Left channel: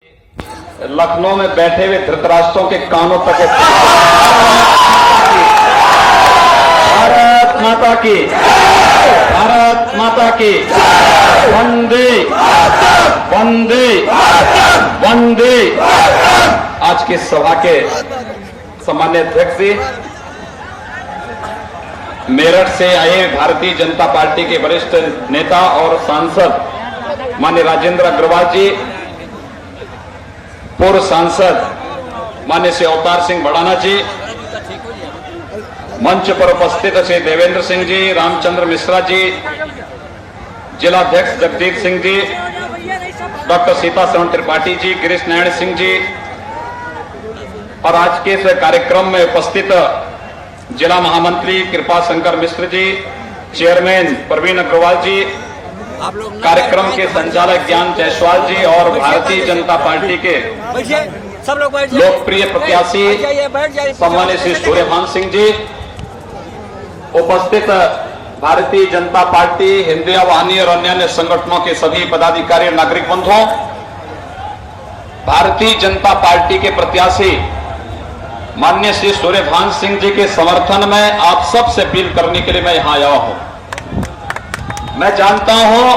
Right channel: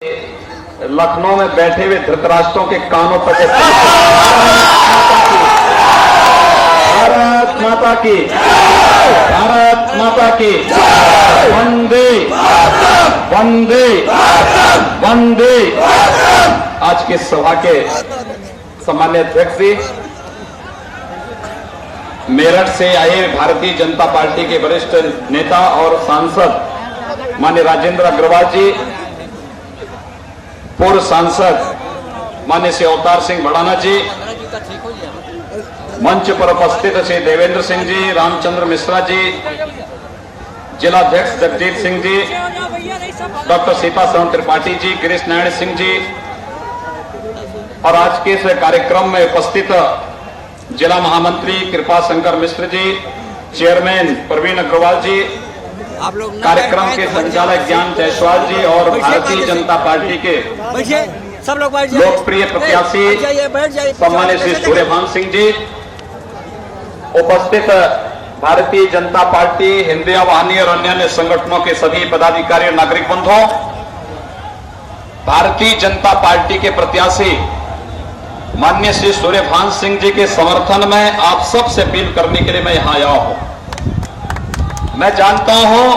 लखनऊ में बैठे हुए धृतराष्ट्रों के कानों तक भारत माता की, भारत माता की, वंदे वंदे वंदे। आज की सभा के सम्मान्य अध्यक्ष जी, मेरठ से आए भारतीय जनता पार्टी के वरिष्ठ नेता और सांसद माननीय राजेंद्र अग्रवाल जी, पूर्व सांसद माननीय श्री अवतार सिंह भड़ाना जी, मंच पर उपस्थित श्री देवेंद्र सिंह जी, रामचंद्र मिश्रा जी, जिलाध्यक्ष जगजीत सिंह जी, डॉक्टर सीतासरण त्रिपाठी जी, गिरीश नारायण सिंह जी, और आज के इस कार्यक्रम में उपस्थित जिला महामंत्री कृपा शंकर मिश्र जी, चेयरमैन प्रवीण अग्रवाल जी, कार्यक्रम के संचालक ज्ञान जायसवाल जी और भारतीय जनता पार्टी के लोकप्रिय प्रत्याशी सम्मान्य श्री सूर्यभान सिंह जी, उपस्थित भारतीय जनता पार्टी, हिंदुया वाहिनी और अन्य संगठनों के सभी पदाधिकारी और नागरिक बंधुओं, भारतीय जनता पार्टी के प्रत्याशी माननीय श्री सूर्यभान सिंह जी के समर्थन में आप सबसे अपील करने के लिए मैं यहां आया हूं। मैं जानता हूं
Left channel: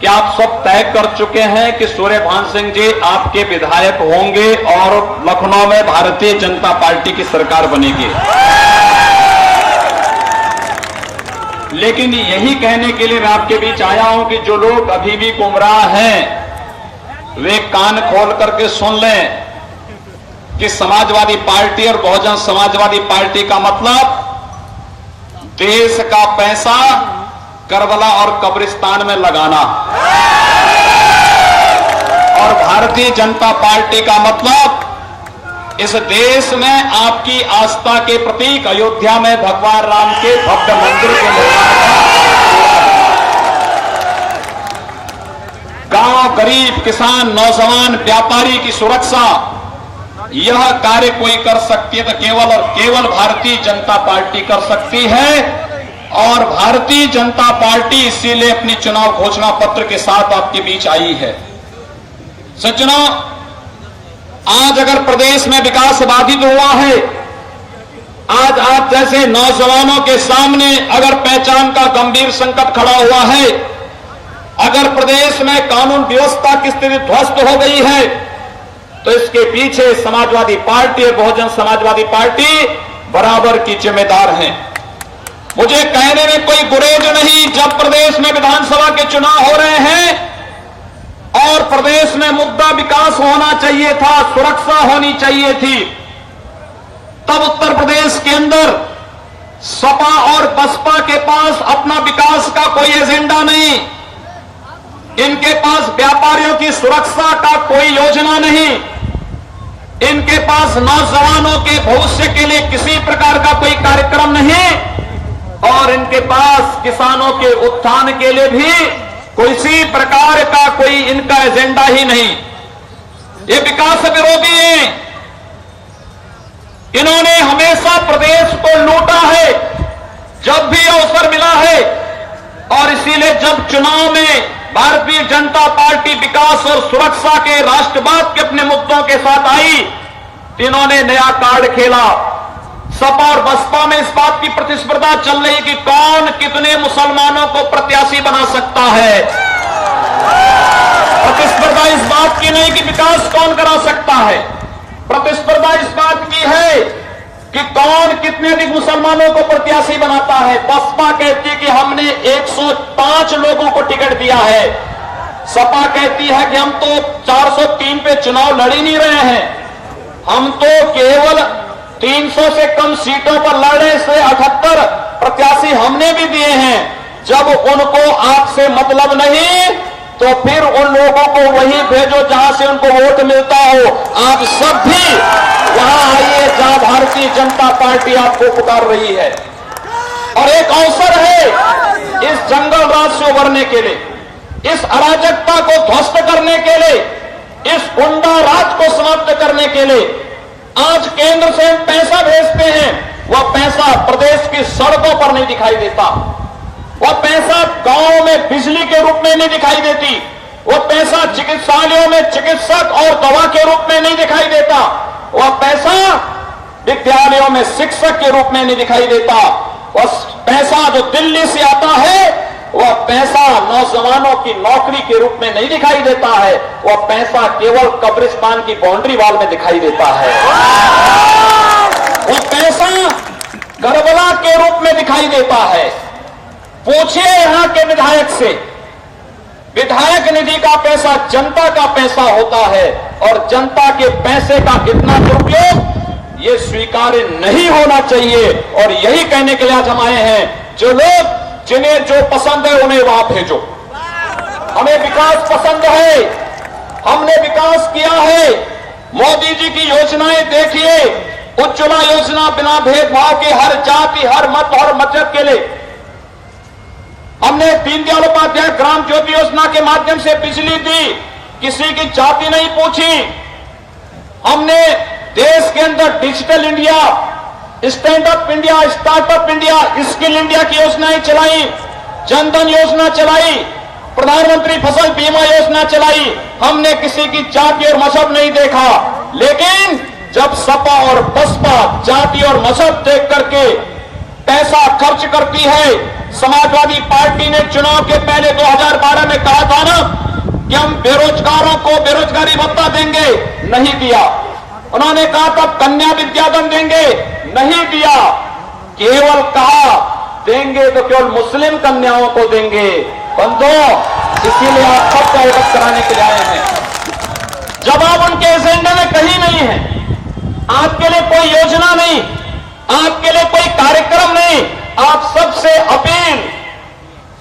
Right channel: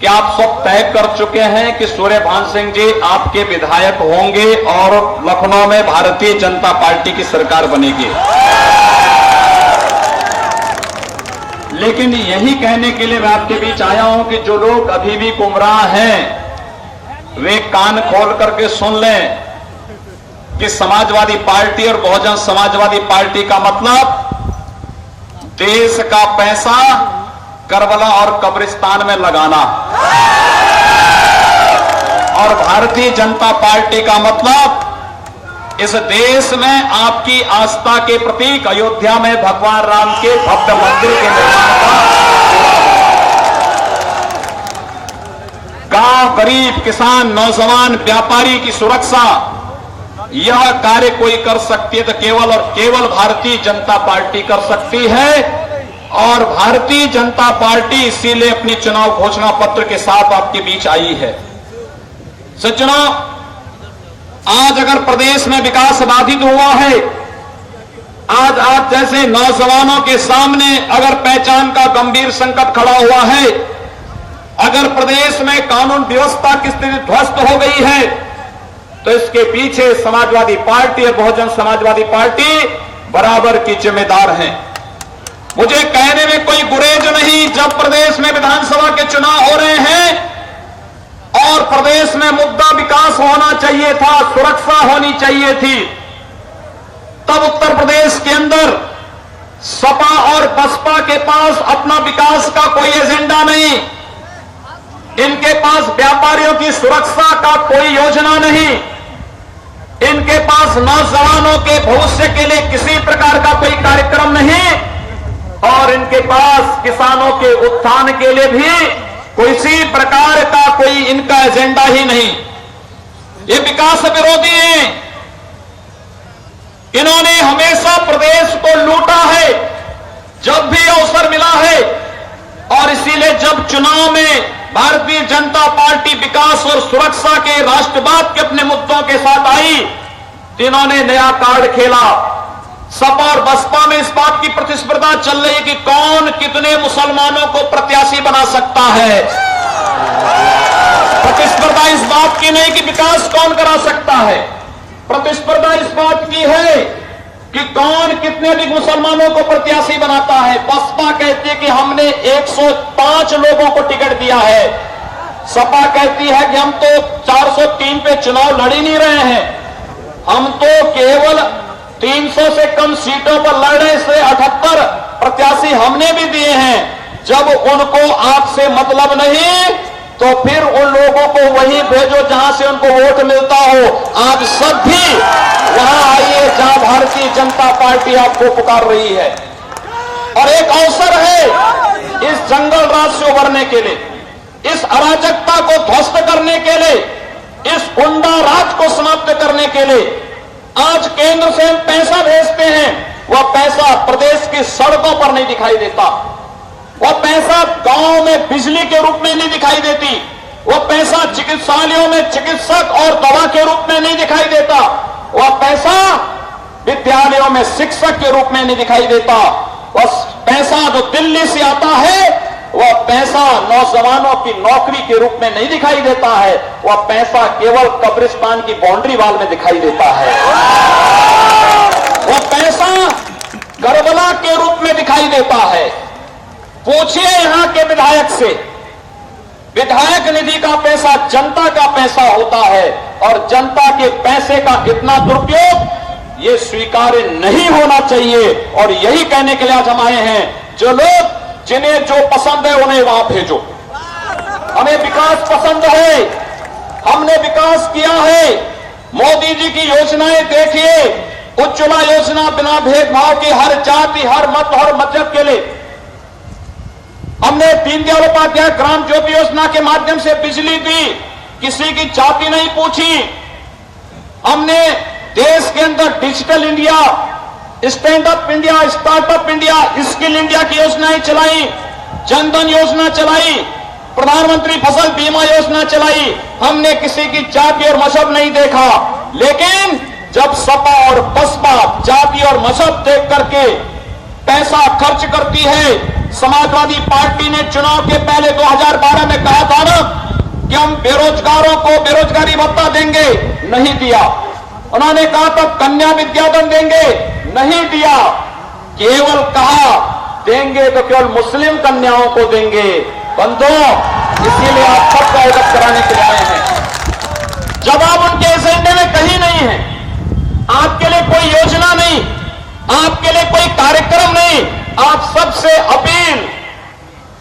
कि आप सब तय कर चुके हैं कि सूर्यभान सिंह जी आपके विधायक होंगे और लखनऊ में भारतीय जनता पार्टी की सरकार बनेगी। लेकिन यही कहने के लिए मैं आपके बीच आया हूं कि जो लोग अभी भी गुमराह हैं वे कान खोल करके सुन लें कि समाजवादी पार्टी और बहुजन समाजवादी पार्टी का मतलब देश का पैसा करबला और कब्रिस्तान में लगाना, और भारतीय जनता पार्टी का मतलब इस देश में आपकी आस्था के प्रतीक अयोध्या में भगवान राम के भव्य मंदिर के निर्माण का, गांव, गरीब, किसान, नौजवान, व्यापारी की सुरक्षा, यह कार्य कोई कर सकती है तो केवल और केवल भारतीय जनता पार्टी कर सकती है। और भारतीय जनता पार्टी इसीलिए अपनी चुनाव घोषणा पत्र के साथ आपके बीच आई है। सज्जनों, आज अगर प्रदेश में विकास बाधित हुआ है, आज आप जैसे नौजवानों के सामने अगर पहचान का गंभीर संकट खड़ा हुआ है, अगर प्रदेश में कानून व्यवस्था की स्थिति ध्वस्त हो गई है, तो इसके पीछे समाजवादी पार्टी और बहुजन समाजवादी पार्टी बराबर की जिम्मेदार है। मुझे कहने में कोई गुरेज नहीं, जब प्रदेश में विधानसभा के चुनाव हो रहे हैं और प्रदेश में मुद्दा विकास होना चाहिए था, सुरक्षा होनी चाहिए थी, तब उत्तर प्रदेश के अंदर सपा और बसपा के पास अपना विकास का कोई एजेंडा नहीं, इनके पास व्यापारियों की सुरक्षा का कोई योजना नहीं, इनके पास नौजवानों के भविष्य के लिए किसी प्रकार का कोई कार्यक्रम नहीं, और इनके पास किसानों के उत्थान के लिए भी किसी प्रकार का कोई इनका एजेंडा ही नहीं। ये विकास विरोधी हैं, इन्होंने हमेशा प्रदेश को लूटा है जब भी अवसर मिला है, और इसीलिए जब चुनाव में भारतीय जनता पार्टी विकास और सुरक्षा के, राष्ट्रवाद के अपने मुद्दों के साथ आई, इन्होंने नया कार्ड खेला। सपा और बसपा में इस बात की प्रतिस्पर्धा चल रही है कि कौन कितने मुसलमानों को प्रत्याशी बना सकता है। प्रतिस्पर्धा इस बात की नहीं कि विकास कौन करा सकता है, प्रतिस्पर्धा इस बात की है कि कौन कितने अधिक मुसलमानों को प्रत्याशी बनाता है। बसपा कहती है कि हमने 105 लोगों को टिकट दिया है, सपा कहती है कि हम तो 403 पे चुनाव लड़ ही नहीं रहे हैं, हम तो केवल 300 से कम सीटों पर लड़ रहे, इसलिए 78 प्रत्याशी हमने भी दिए हैं। जब उनको आपसे मतलब नहीं तो फिर उन लोगों को वहीं भेजो जहां से उनको वोट मिलता हो। आप सब भी वहां आइए जहां भारतीय जनता पार्टी आपको पुकार रही है, और एक अवसर है इस जंगल राज से उभरने के लिए, इस अराजकता को ध्वस्त करने के लिए, इस गुंडा राज को समाप्त करने के लिए। आज केंद्र से हम पैसा भेजते हैं, वह पैसा प्रदेश की सड़कों पर नहीं दिखाई देता, वह पैसा गांव में बिजली के रूप में नहीं दिखाई देती, वो पैसा चिकित्सालयों में चिकित्सक और दवा के रूप में नहीं दिखाई देता, वह पैसा विद्यालयों में शिक्षक के रूप में नहीं दिखाई देता, वह पैसा जो दिल्ली से आता है वह पैसा नौजवानों की नौकरी के रूप में नहीं दिखाई देता है, वह पैसा केवल कब्रिस्तान की बाउंड्री वॉल में दिखाई देता है। वह पैसा करबला के रूप में दिखाई देता है। पूछिए यहां के विधायक से, विधायक निधि का पैसा जनता का पैसा होता है और जनता के पैसे का इतना दुरुपयोग ये स्वीकार्य नहीं होना चाहिए। और यही कहने के लिए आज हम आए हैं, जो लोग जिन्हें जो पसंद है उन्हें वहां भेजो। हमें विकास पसंद है, हमने विकास किया है। मोदी जी की योजनाएं देखिए, उज्ज्वला योजना बिना भेदभाव के हर जाति, हर मत, हर मजहब के लिए। हमने दीनदयाल उपाध्याय ग्राम ज्योति योजना के माध्यम से बिजली दी, किसी की जाति नहीं पूछी। हमने देश के अंदर digital India, stand up India, startup India, skill India की योजनाएं चलाई, जनधन योजना चलाई, प्रधानमंत्री फसल बीमा योजना चलाई। हमने किसी की जाति और मजहब नहीं देखा। लेकिन जब सपा और बसपा जाति और मजहब देख करके पैसा खर्च करती है, समाजवादी पार्टी ने चुनाव के पहले 2012 में कहा था ना कि हम बेरोजगारों को बेरोजगारी भत्ता देंगे, नहीं दिया। उन्होंने कहा था कन्या विद्याधन देंगे, नहीं दिया। केवल कहा देंगे तो केवल मुस्लिम कन्याओं को देंगे। बंधुओं, इसीलिए आप सबको अवगत कराने के लिए आए हैं। जवाब उनके एजेंडे में कहीं नहीं है। आपके लिए कोई योजना नहीं, आपके लिए कोई कार्यक्रम नहीं। आप सबसे अपील,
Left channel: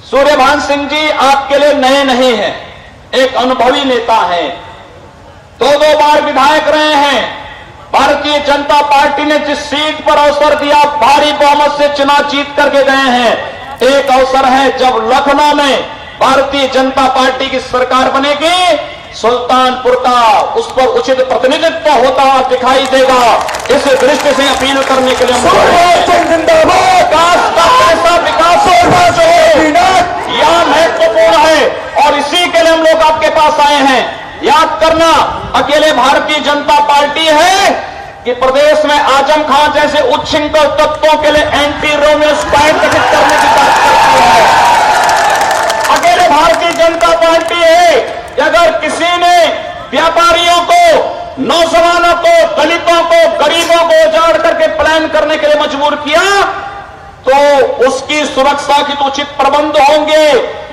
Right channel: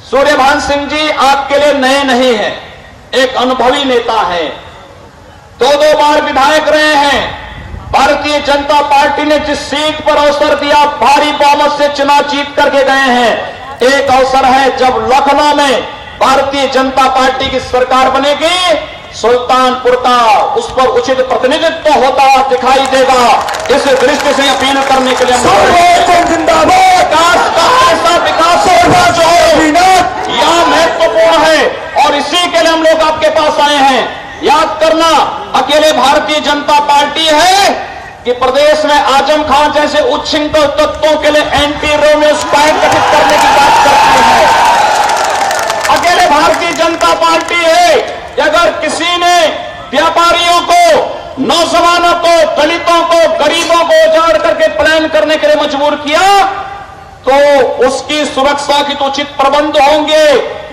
सूर्यभान सिंह जी आपके लिए नए नहीं हैं, एक अनुभवी नेता हैं, 2 बार विधायक रहे हैं। भारतीय जनता पार्टी ने जिस सीट पर अवसर दिया, भारी बहुमत से चुनाव जीत करके गए हैं। एक अवसर है जब लखनऊ में भारतीय जनता पार्टी की सरकार बनेगी, सुल्तानपुर का उस पर उचित प्रतिनिधित्व होता दिखाई देगा। इस दृष्टि से अपील करने के लिए विकास जो है यह महत्वपूर्ण है और इसी के लिए हम लोग आपके पास आए हैं। याद करना, अकेले भारतीय जनता पार्टी है कि प्रदेश में आजम खान जैसे उच्छृंखल तत्वों के लिए एंटी रोमियो स्क्वाड गठित करने की बात करती है। अकेले भारतीय जनता पार्टी है कि अगर किसी ने व्यापारियों को, नौजवानों को, दलितों को, गरीबों को उजाड़ करके प्लान करने के लिए मजबूर किया तो उसकी सुरक्षा की तो उचित प्रबंध होंगे।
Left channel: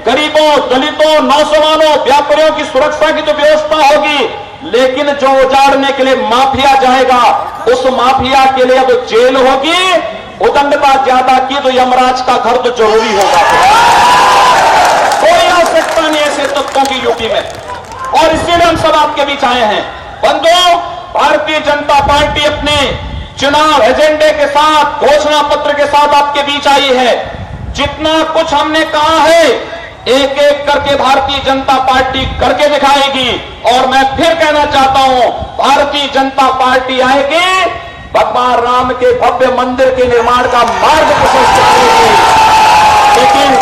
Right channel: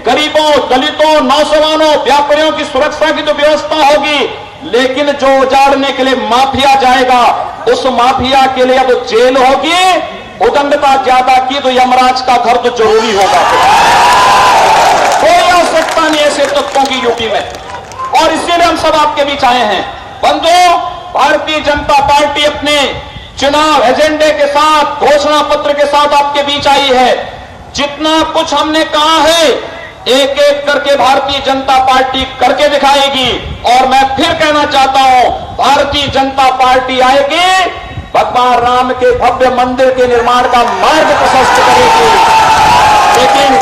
गरीबों, दलितों, नौजवानों, व्यापारियों की सुरक्षा की तो व्यवस्था होगी। लेकिन जो उजाड़ने के लिए माफिया जाएगा, उस माफिया के लिए अब जेल होगी। उदंडता ज्यादा की तो यमराज का घर तो जरूरी होगा। कोई आवश्यकता नहीं ऐसे तत्वों की यूपी में। और इसीलिए हम सब आपके बीच आए हैं। बंधुओं, भारतीय जनता पार्टी अपने चुनाव एजेंडे के साथ, घोषणा पत्र के साथ आपके बीच आई है। जितना कुछ हमने कहा है एक एक करके भारतीय जनता पार्टी करके दिखाएगी। और मैं फिर कहना चाहता हूं, भारतीय जनता पार्टी आएगी, भगवान राम के भव्य मंदिर के निर्माण का मार्ग प्रशस्त करेगी। लेकिन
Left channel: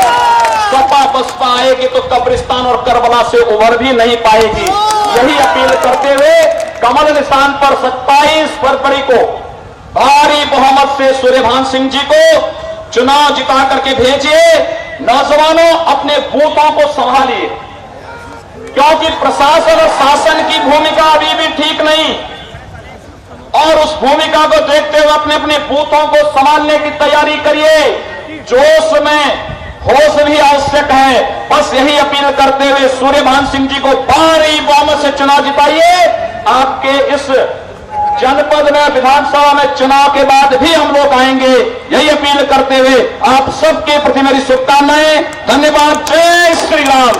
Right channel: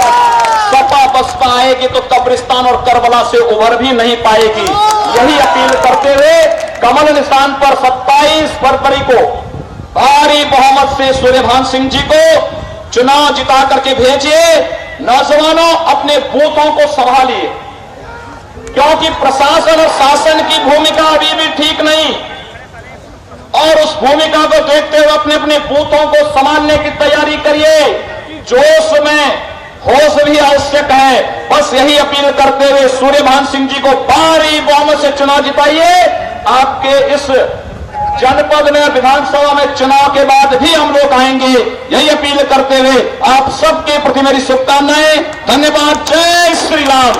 सपा बसपा आएगी तो कब्रिस्तान और करबला से उभर भी नहीं पाएगी। यही अपील करते हुए कमल निशान पर 27 फरवरी को भारी बहुमत से सूर्यभान सिंह जी को चुनाव जिता करके भेजिए। नौजवानों, अपने बूथों को संभालिए, क्योंकि प्रशासन और शासन की भूमिका अभी भी ठीक नहीं। और उस भूमिका को देखते हुए अपने अपने बूथों को संभालने की तैयारी करिए। जोश में होश भी आवश्यक है। बस यही अपील करते हुए सूर्यभान सिंह जी को भारी बहुमत से चुनाव जिताइए। आपके इस जनपद में विधानसभा में चुनाव के बाद भी हम लोग आएंगे। यही अपील करते हुए आप सबके प्रति मेरी शुभकामनाएं। धन्यवाद। जय श्री राम।